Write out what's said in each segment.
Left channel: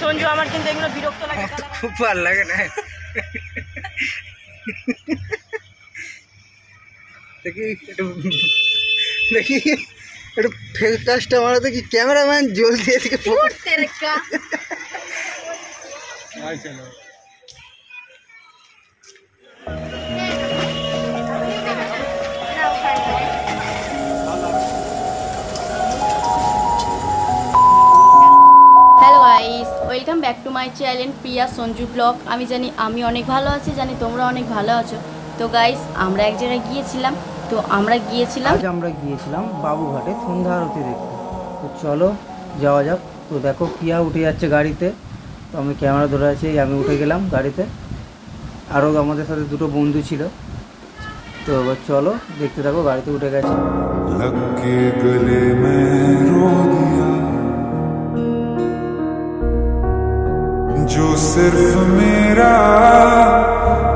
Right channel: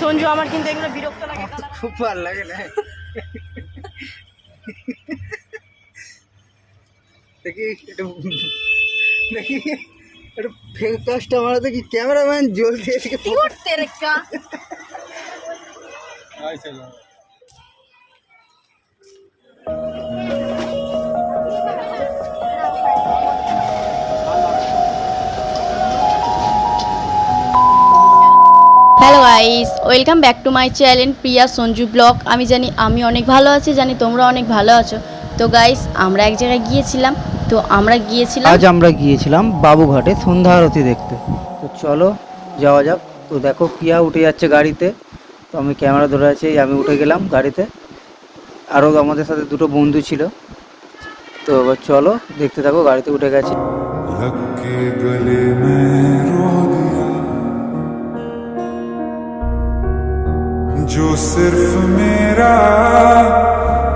সঞ্জু আমার কিন্তু এগুলো বিরক্ত লাগে, খুব ভালো লাগে না। দেখি একটু দেখি একটু ফেক কাজটা মারা দেখি, ক্যামেরাম্যান জলদি এদিকে hello guys, welcome back to my channel Priya Sanju blog. আমি জানি আমি অনেক ভালো আছি, জানি তোমরা অনেক ভালো আছো। তো গাইস, আমরা এক জায়গায় গিয়েছিলাম। আজ আমরা গিয়েছিলাম বাবুঘাটে সন্ধ্যা আরতি দেখতে। তো চলো যাওয়া যাক। তো দেখো প্রিয়া উঠে যাচ্ছে গাড়িতে, তো আমি ক্যামেরা ধরে আছি, আমি উঠে গেলাম গাড়িতে। আরও আমাদের সাথে দুটো বন্ধু ছিল। তো এবার চলো দেখতে থাকো, গাড়িতে উঠে গেছে। लगे गले में रो दिया जो सिर्फ मेरा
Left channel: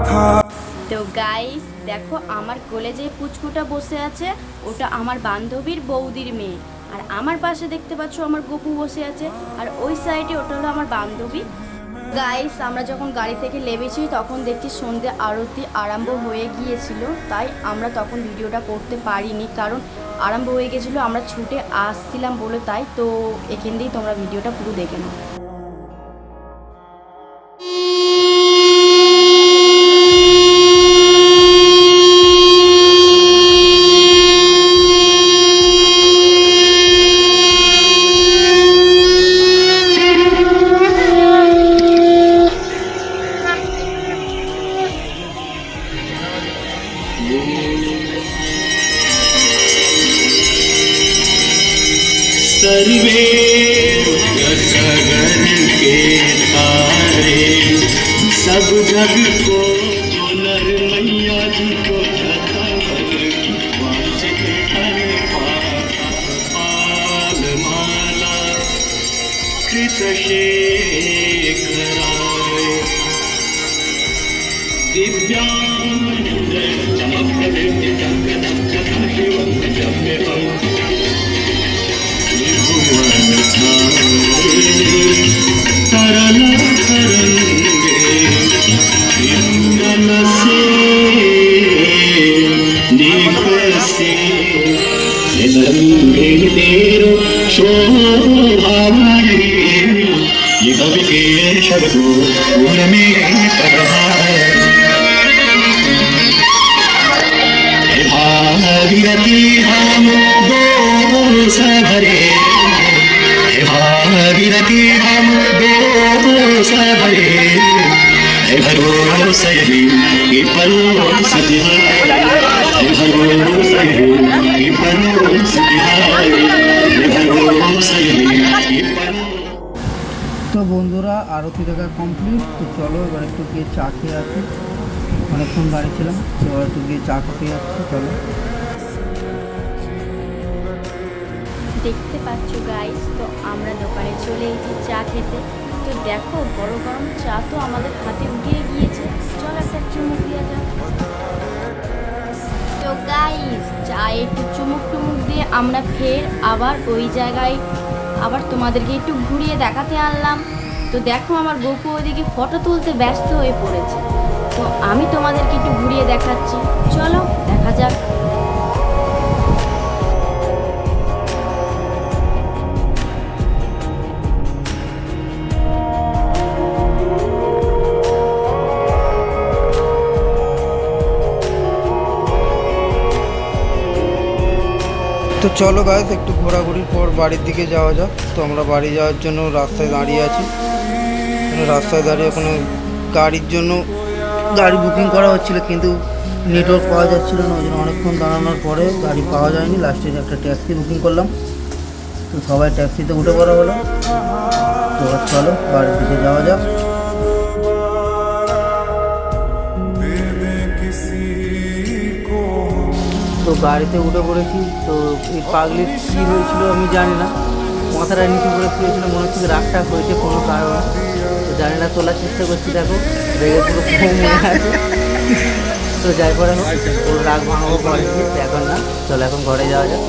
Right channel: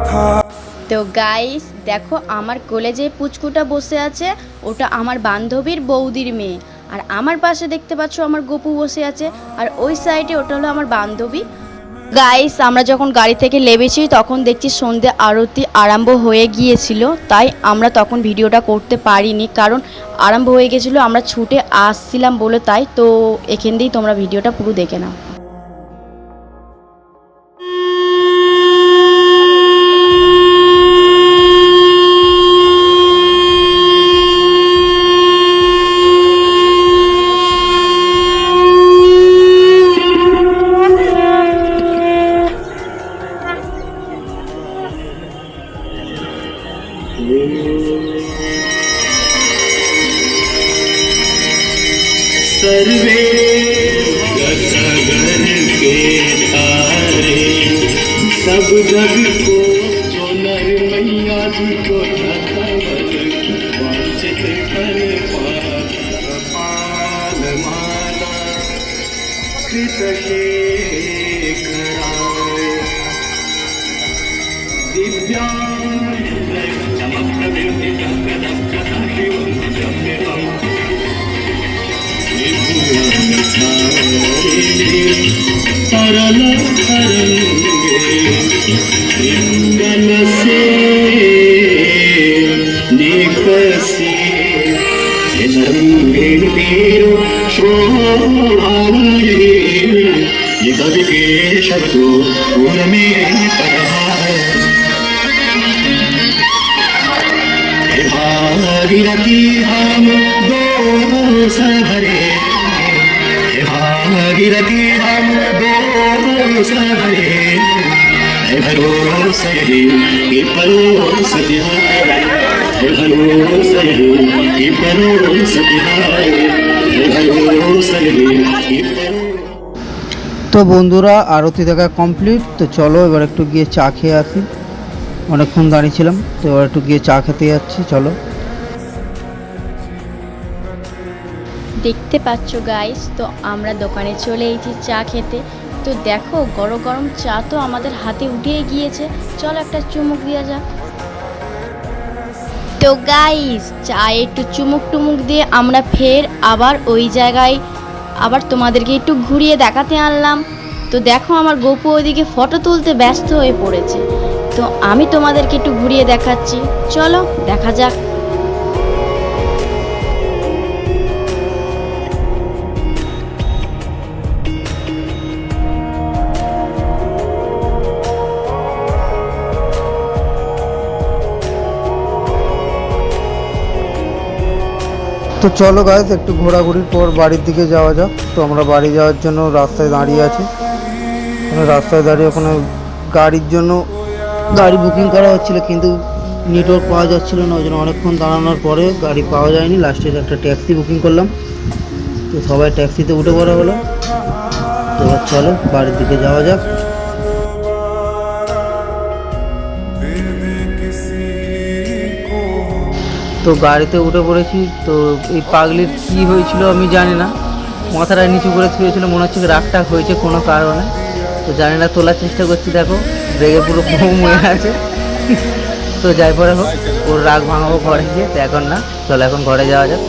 था। তো গাইস দেখো, আমার কোলে যে পুচকুটা বসে আছে ওটা আমার বান্ধবীর বৌদির মেয়ে, আর আমার পাশে দেখতে পাচ্ছ আমার গপু বসে আছে, আর ওই সাইডে ওটা হলো আমার বান্ধবী। গাইস, আমরা যখন গাড়ি থেকে নেমেছি তখন দেখছি সন্ধ্যে আরতি আরম্ভ হয়ে গিয়েছিল, তাই আমরা তখন ভিডিওটা করতে পারিনি, কারণ আরম্ভ হয়ে গেছিলো, আমরা ছুটে আসছিলাম বলে। তাই তো এখান দিয়েই তোমরা ভিডিওটা পুরো দেখে নাও। सर्वे सगर के तारे सब जग को जो नर मैया जी को वांछित कर पाल माला कृत शेखराय दिव्यांग चमक तरल इंद्रन से नेक से नीरो शोभावे ये कवि के शब्दों उनमें तरह भागीरथी हम दो सभरे भागीरथी हम दो सभरे भरोसा ये परोसा तिहारे भरोसा ये परोसा तिहारे भरोसा ये তো বন্ধুরা, আরতি দেখা কমপ্লিট। তো চলো এবার একটু গিয়ে চা খেয়ে আসি, অনেকক্ষণ দাঁড়িয়েছিলাম, তো এবার একটু গিয়ে চা খেতে যাচ্ছি। চলো। দেখতে পাচ্ছ গাইস, তো আমরা দোকানে চলে এসেছি চা খেতে। তো দেখো গরম গরম চা তো আমাদের হাতে উঠে গিয়েছে, চলো একটা চুমুক দেওয়া যাক। তো গাইস, চা একটু চুমুক টুমুক দিয়ে আমরা ফের আবার ওই জায়গায় আবার তোমাদেরকে একটু ঘুরিয়ে দেখাতে আনলাম। তো দেখো আমার গপু ওইদিকে ফটো তুলতে ব্যস্ত হয়ে পড়েছে, তো আমি তোমাদেরকে একটু ঘুরিয়ে দেখাচ্ছি, চলো দেখা যাক। তো চলো গাইস, একটু ঘোরাঘুরির পর বাড়ির দিকে যাওয়া যাক। তো আমরা বাড়ি যাওয়ার জন্য রাস্তায় দাঁড়িয়ে আছি। রাস্তায় দাঁড়িয়ে ওখানে গাড়ির জন্য গাড়ি বুকিং করা হচ্ছিল, কিন্তু নেটওয়ার্ক পাওয়া যাচ্ছিল না, ওই জন্য অনেকক্ষণ দাঁড়ানোর পরে গাড়ি পাওয়া যায়নি। লাস্টে একটা ট্যাক্সি বুকিং করলাম, তো সবাই ট্যাক্সিতে উঠে পড়া হলো। তো চলো বাড়ির দিকে যাওয়া যাক। তো গাড়িতে উঠে পড়েছি। তো এই পাগলির কী হয়েছিল আমি জানি না, মাথাটা নিচু করে শুয়েছিল, মনে হচ্ছে রাগটা হয়েছে কোনো কারণে। তো জানি না, তোলার চেষ্টা করছি, দেখো রেগে পুরো মনে আছে। তো যাই পরে হোক, ওর রাগ ভাঙাবো ঘরে গিয়ে, তো এখন না, চলো এখন ঘরে যাওয়া যাক।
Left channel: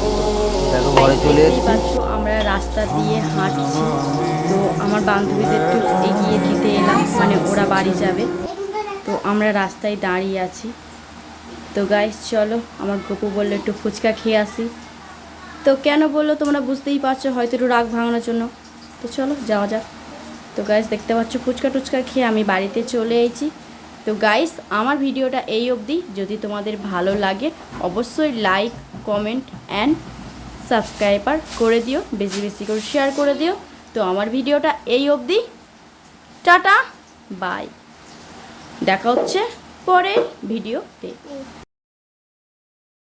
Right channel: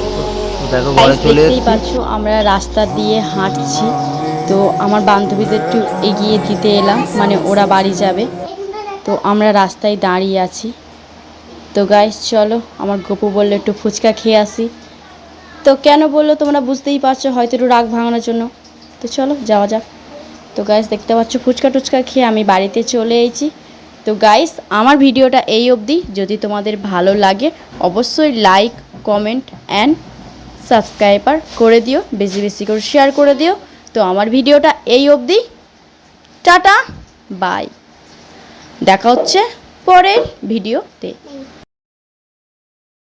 দেখো ঘরে Guys, চলে দেখতেই এসেছি। পাচ্ছ আমরা রাস্তা দিয়ে হাঁটছি। তো আমার বান্ধবীদের একটু এগিয়ে দিতে এলাম, মানে ওরা বাড়ি যাবে। তো আমরা রাস্তায় দাঁড়িয়ে আছি। তো গাইস চলো, আমার গপু বললো একটু ফুচকা খেয়ে আসি। তো কেন বললো তোমরা বুঝতেই পারছো, হয়তো একটু রাগ ভাঙানোর জন্য। তো চলো যাওয়া যাক। তো গাইস দেখতে পাচ্ছ ফুচকা টুচকা খেয়ে আমি বাড়িতে চলে এসেছি। তো গাইস আমার ভিডিওটা এই অবধি। যদি তোমাদের ভালো লাগে অবশ্যই লাইক কমেন্ট অ্যান্ড সাবস্ক্রাইবার করে দিও, বেশি বেশি করে শেয়ার করে দিও। তো আমার ভিডিওটা এই অবধি। টাটা বাই, দেখা হচ্ছে পরের ভিডিওতে।